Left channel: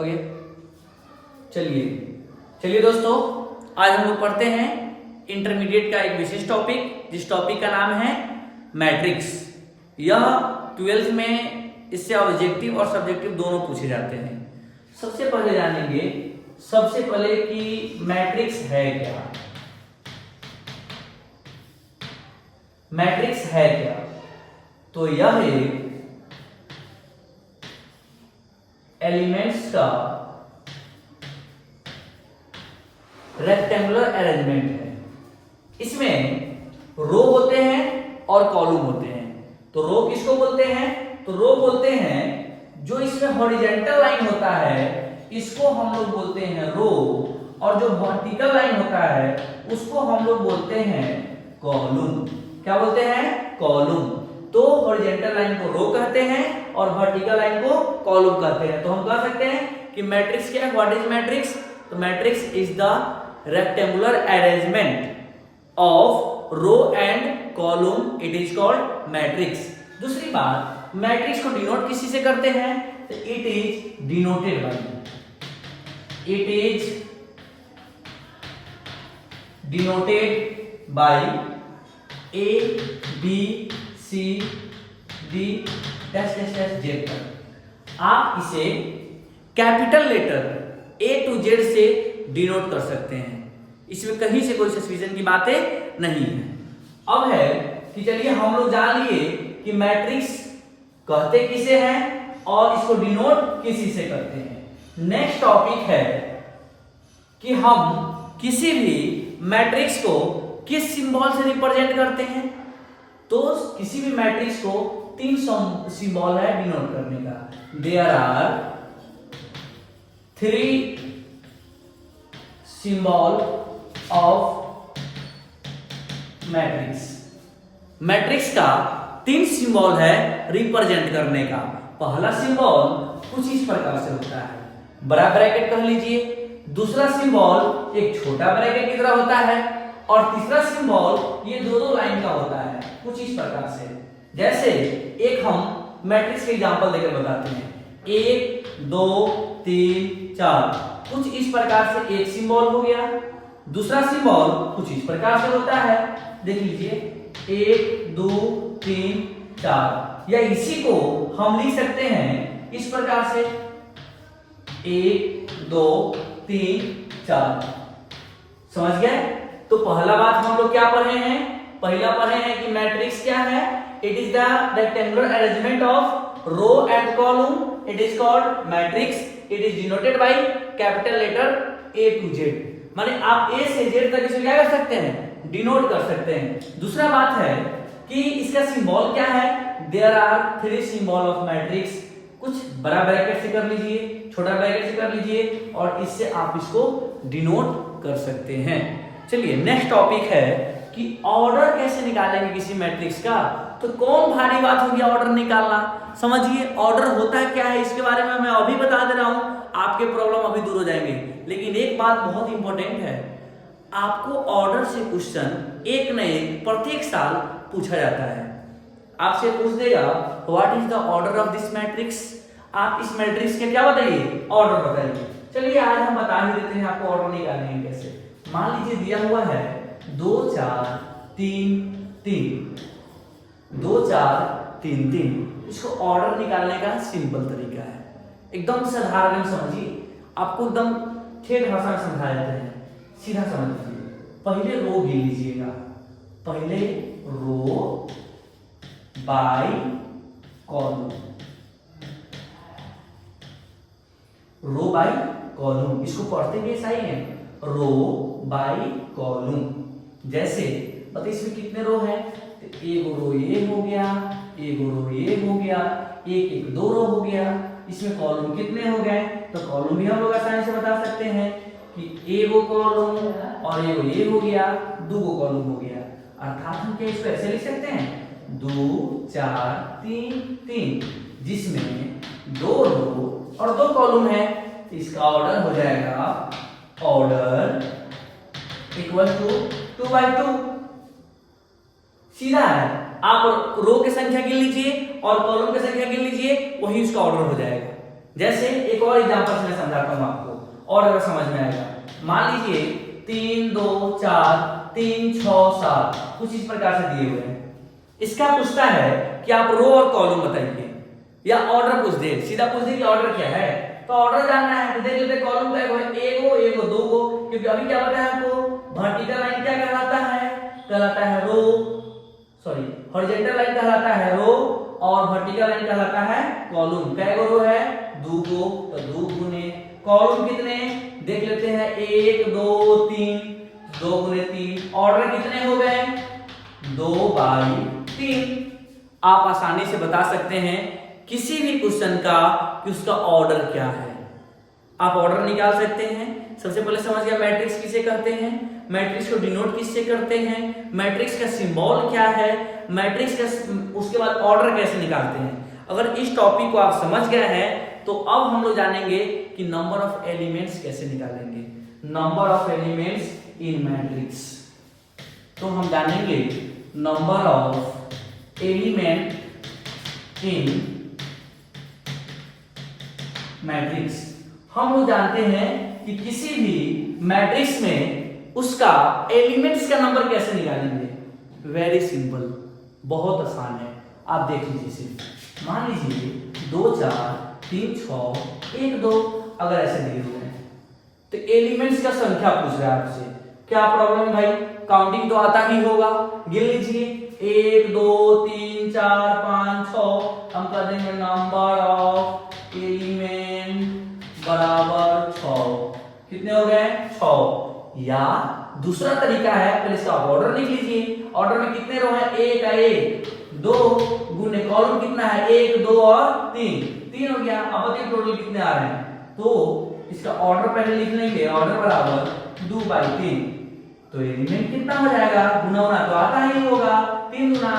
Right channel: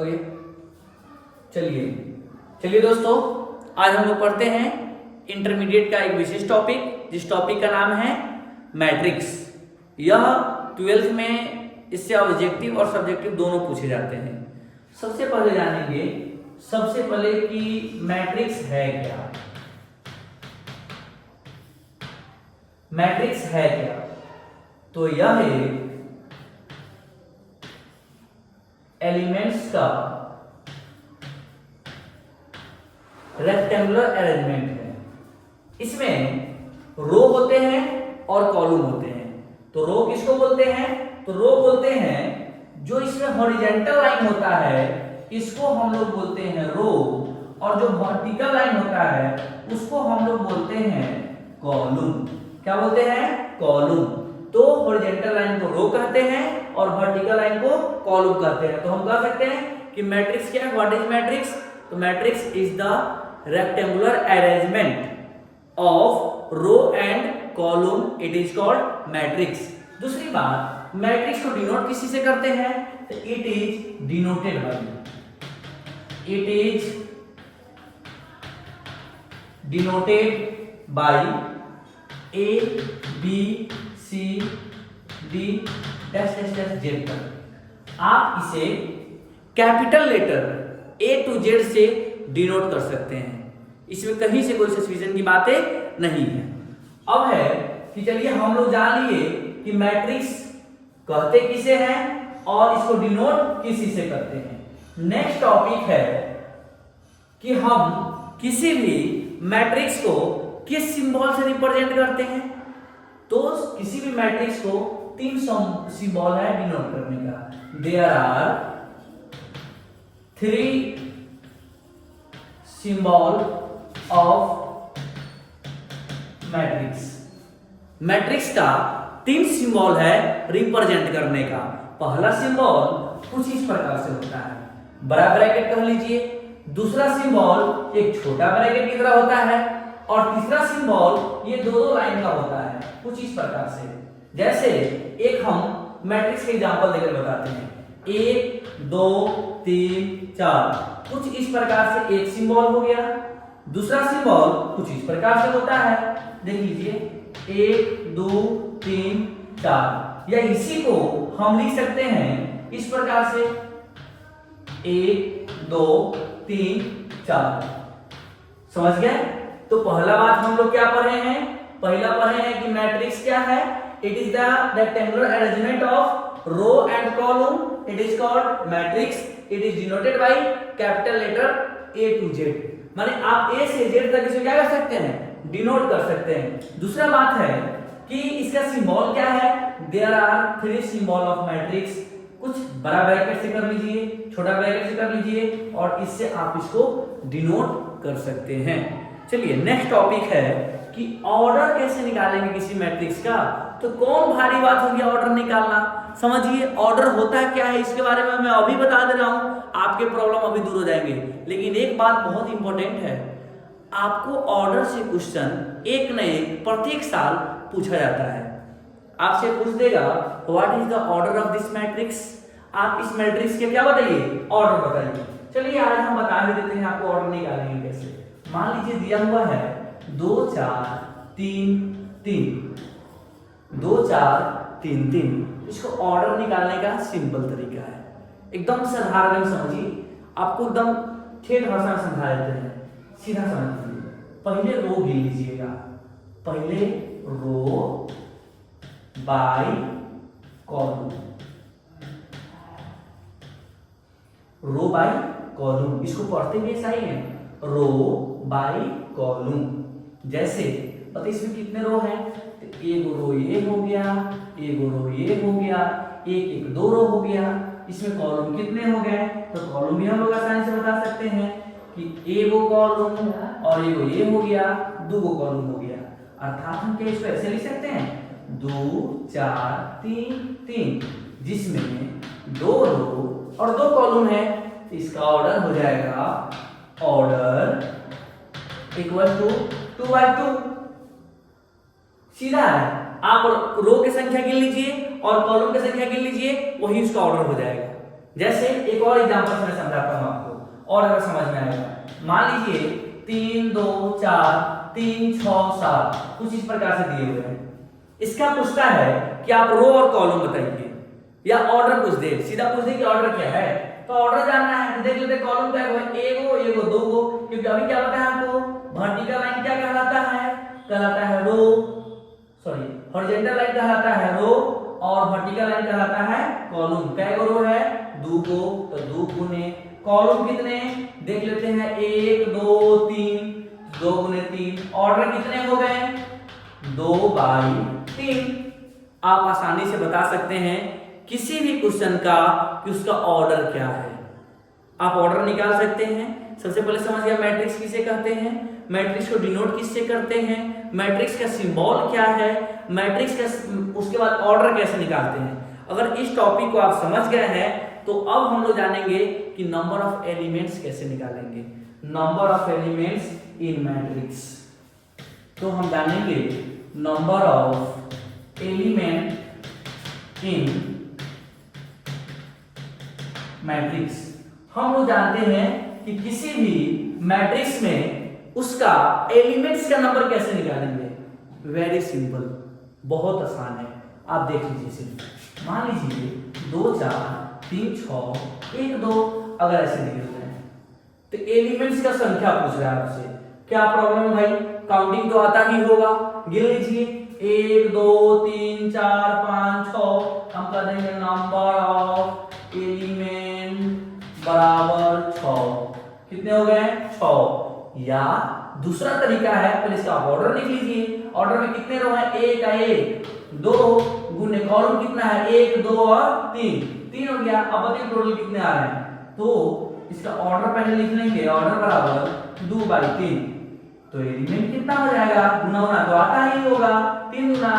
Okay, चलिए चलिए दोस्तों, आज हम लोग पढ़ते हैं इंटरमीडिएट का एक विशेष टॉपिक, जिस टॉपिक का नाम है मैट्रिक्स। यह 12th में इससे ऑब्जेक्टिव और सब्जेक्टिव दोनों पूछे जाते हैं। सबसे पहले जानेंगे कि मैट्रिक्स है क्या। मैट्रिक्स है क्या? तो यह एक एलिमेंट्स का रेक्टेंगुलर अरेंजमेंट है। इसमें रो होते हैं और कॉलम होते हैं। तो रो किसको बोलते हैं? तो रो बोलते हैं जो इसमें हॉरिजॉन्टल लाइन होता है, इसको हम लोग बोलते हैं रो, और जो वर्टिकल लाइन होता है उसको हम लोग बोलते हैं कॉलम। क्या बोलते हैं? कॉलम। तो हॉरिजॉन्टल लाइन को रो कहते हैं और वर्टिकल लाइन को कॉलम कहते हैं। तो हम कह सकते हैं कि मैट्रिक्स क्या है? What is matrix? तो matrix is the rectangular arrangement of row and column, it is called matrix. दूसरी बात, मैट्रिक्स को डिनोट किसी से करते हैं? तो it is denoted by, it is denoted by A B C D dash dash dash Z तक। आप इसे capital letter A to Z से डिनोट कर सकते हैं। इसमें कहीं से कोई सस्पिशन की बातें नहीं है। अब है कि चलिए हम लोग जान लिए कि मैट्रिक्स कहते किसे हैं और इसको डिनोट किसी से करते हैं। नेक्स्ट टॉपिक है कि हम किसी भी मैट्रिक्स को किस सिंबल से रिप्रेजेंट करते हैं। तो किसी भी मैट्रिक्स को 3 सिंबल है डिनोट करने का। There are 3 symbol of matrix. Matrix का 3 सिंबल है रिप्रेजेंट करने का। पहला सिंबल कुछ इस प्रकार से होता है, बड़ा ब्रैकेट कह लीजिए। दूसरा सिंबल एक छोटा ब्रैकेट की तरह होता है, और तीसरा सिंबल ये दो लाइन का होता है कुछ इस प्रकार से। जैसे एक हम मैट्रिक्स के एग्जांपल देकर बताते हैं, 1 2 3 4 कुछ इस प्रकार से एक सिंबल हो गया। दूसरा सिंबल कुछ इस प्रकार से होता है, देख लीजिए 1 2 3 4, या इसी को हम लिख सकते हैं इस प्रकार से 1 2 3 4। समझ गए? तो पहला बात हम लोग क्या पढ़े हैं? पहला पढ़े हैं कि मैट्रिक्स क्या है? It is the rectangular arrangement of row and column, it is called matrix. It is denoted by capital letter A to Z। माने आप A से Z तक इसे क्या कर सकते हैं? डिनोट कर सकते हैं। दूसरा बात है कि इसका सिंबल क्या है? There are 3 symbol of matrix. कुछ बड़ा ब्रैकेट से कर लीजिए, छोटा ब्रैकेट से कर लीजिए, और इससे आप इसको डिनोट कर सकते हैं। चलिए नेक्स्ट टॉपिक है कि ऑर्डर कैसे निकालेंगे किसी मैट्रिक्स का। तो कौन भारी बात होगी ऑर्डर निकालना। समझिए ऑर्डर होता क्या है, इसके बारे में मैं अभी बता दे रहा हूं, आपके प्रॉब्लम अभी दूर हो जाएंगे। लेकिन एक बात बहुत इंपॉर्टेंट है, आपको ऑर्डर से क्वेश्चन एक न एक प्रत्येक साल पूछा जाता है। आपसे पूछ देगा what is the order of this matrix. आप इस मैट्रिक्स के क्या बताइए? ऑर्डर बताइए। चलिए आज हम बता ही देते हैं आपको ऑर्डर निकालेंगे कैसे। मान लीजिए दिया हुआ है 2 4 3 3, 2 4 3 3। इसको ऑर्डर निकालने का सिंपल तरीका है, एकदम साधारण समझिए। आपको एकदम ठेठ भाषा में समझा देते हैं, सीधा समझिए। पहले रो गिन लीजिएगा, पहले row by column, row by column. इसको पढ़ते कैसा ही है? Row by column. जैसे बताइए इसमें कितने रो हैं? एक रो ये हो गया, एक रो ये हो गया, एक एक 2 रो हो गया। इसमें कॉलम कितने हो गए? तो कॉलम भी हम लोग आसानी से बता सकते हैं कि एगो कॉलम और एगो ये हो गया, 2 कॉलम हो गया। अर्थात हम क्या इसको ऐसे लिख सकते हैं 2 4 3 3, जिसमें 2 रो और 2 कॉलम है। तो इसका ऑर्डर हो जाएगा ऑर्डर इक्वल टू 2/2। सीधा है, आप रो की संख्या गिन लीजिए और कॉलम की संख्या गिन लीजिए, वही उसका ऑर्डर हो जाएगा। जैसे एक और एग्जांपल से मैं समझाता हूं आपको और अगर समझ में आएगा। मान लीजिए 3 2 4 3 6 7 कुछ इस प्रकार से दिए हुए हैं। इसका पूछता है कि आप रो और कॉलम बताइए, या ऑर्डर पूछ दे, सीधा पूछ दे कि ऑर्डर क्या है, तो ऑर्डर जानना है तो देख लेते हैं कॉलम क्या है, एक गो दो गो, क्योंकि अभी क्या बताया आपको, वर्टिकल लाइन क्या कहलाता है रो, सॉरी हॉरिजॉन्टल लाइन कहलाता है रो और वर्टिकल लाइन कहलाता है कॉलम। कै गो रो है, दो गो, तो 2 गुने कॉलम कितने देख लेते हैं, 1 2 3, 2 गुने 3, ऑर्डर कितने हो गए, 2/3। आप आसानी से बता सकते हैं किसी भी क्वेश्चन का कि उसका ऑर्डर क्या है, आप ऑर्डर निकाल सकते हैं। सबसे पहले समझ गया मैट्रिक्स किसे कहते हैं, मैट्रिक्स को डिनोट किससे करते हैं, मैट्रिक्स का सिंबल क्या है, मैट्रिक्स का उसके बाद ऑर्डर कैसे निकालते हैं। अगर इस टॉपिक को आप समझ गए हैं तो अब हम लोग जानेंगे कि नंबर ऑफ एलिमेंट्स कैसे निकालेंगे, number of elements in matrix. तो हम जानेंगे number of element in matrix. हम लोग जानते हैं कि किसी भी मैट्रिक्स में उसका एलिमेंट्स का नंबर कैसे निकालेंगे, वेरी सिंपल, बहुत आसान है। आप देख लीजिए सिर्फ, मान लीजिए 2 4 3 6 1 2 अगर ऐसे दिए हुए हैं तो एलिमेंट्स का संख्या पूछ रहा है आपसे, क्या प्रॉब्लम है भाई, काउंटिंग तो आता ही होगा, गिन लीजिए 1 2 3 4 5 6, हम कर देंगे नंबर ऑफ एलिमेंट बराबर 6, कितने हो गए 6। या दूसरा तरीका है, पहले इसका ऑर्डर लिख लीजिए, ऑर्डर में कितने रो है, 1 का 1 2 गुने कॉलम कितना है 1 2 और 3 हो गया। अब बताइए टोटल कितने आ रहे हैं, तो इसका ऑर्डर पहले लिख लेंगे, ऑर्डर बराबर 2/3, तो एलिमेंट कितना हो जाएगा, गुना गुना तो आता ही होगा, 3 गुना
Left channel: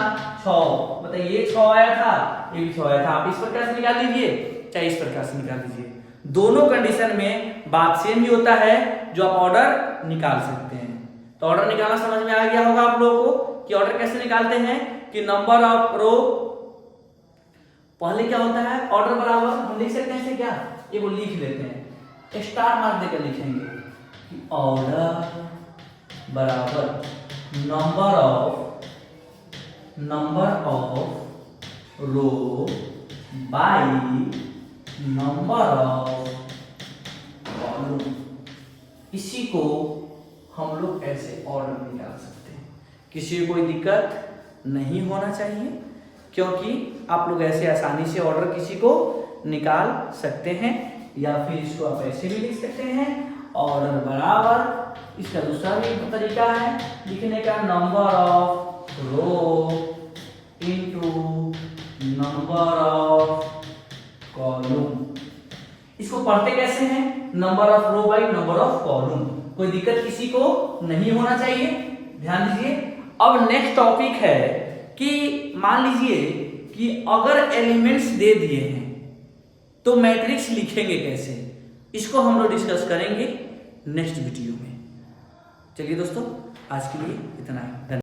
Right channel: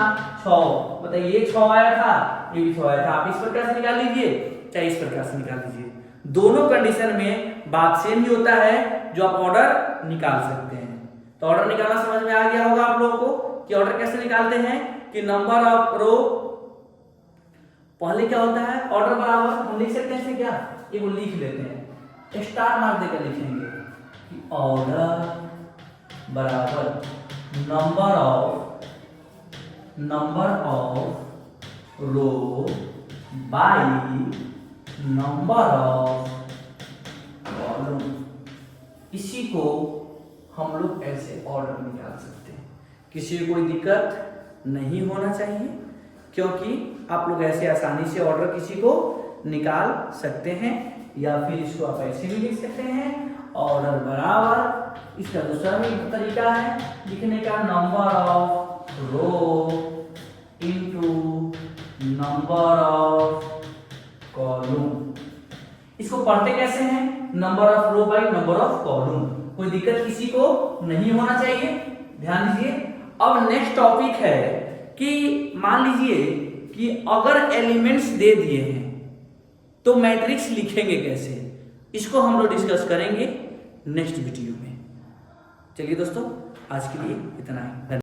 6, बताइए ये 6 आया था, ये भी 6 आया था। आप इस प्रकार से निकाल लीजिए चाहे इस प्रकार से निकाल लीजिए, दोनों कंडीशन में बात सेम ही होता है जो आप ऑर्डर निकाल सकते हैं। तो ऑर्डर निकालना समझ में आ गया होगा आप लोगों को कि ऑर्डर कैसे निकालते हैं, कि नंबर ऑफ रो पहले क्या होता है, ऑर्डर बराबर हम लिख सकते हैं क्या, ये वो लिख लेते हैं, स्टार मार्क देकर लिखेंगे कि ऑर्डर बराबर number of row by number of column. इसी को हम लोग ऐसे ऑर्डर निकाल सकते हैं, किसी को कोई दिक्कत नहीं होना चाहिए, क्योंकि आप लोग ऐसे आसानी से ऑर्डर किसी को निकाल सकते हैं। या फिर इसको आप ऐसे भी लिख सकते हैं, ऑर्डर बराबर, इसका दूसरा भी तरीका है लिखने का, number of row into number of column. इसको पढ़ते कैसे हैं, number of row by number of column, कोई दिक्कत किसी को नहीं होना चाहिए, ध्यान दीजिए। अब नेक्स्ट टॉपिक है कि मान लीजिए कि अगर एलिमेंट्स दे दिए हैं तो मैट्रिक्स लिखेंगे कैसे, इसको हम लोग डिस्कस करेंगे नेक्स्ट वीडियो में। चलिए दोस्तों, आज के लिए इतना ही।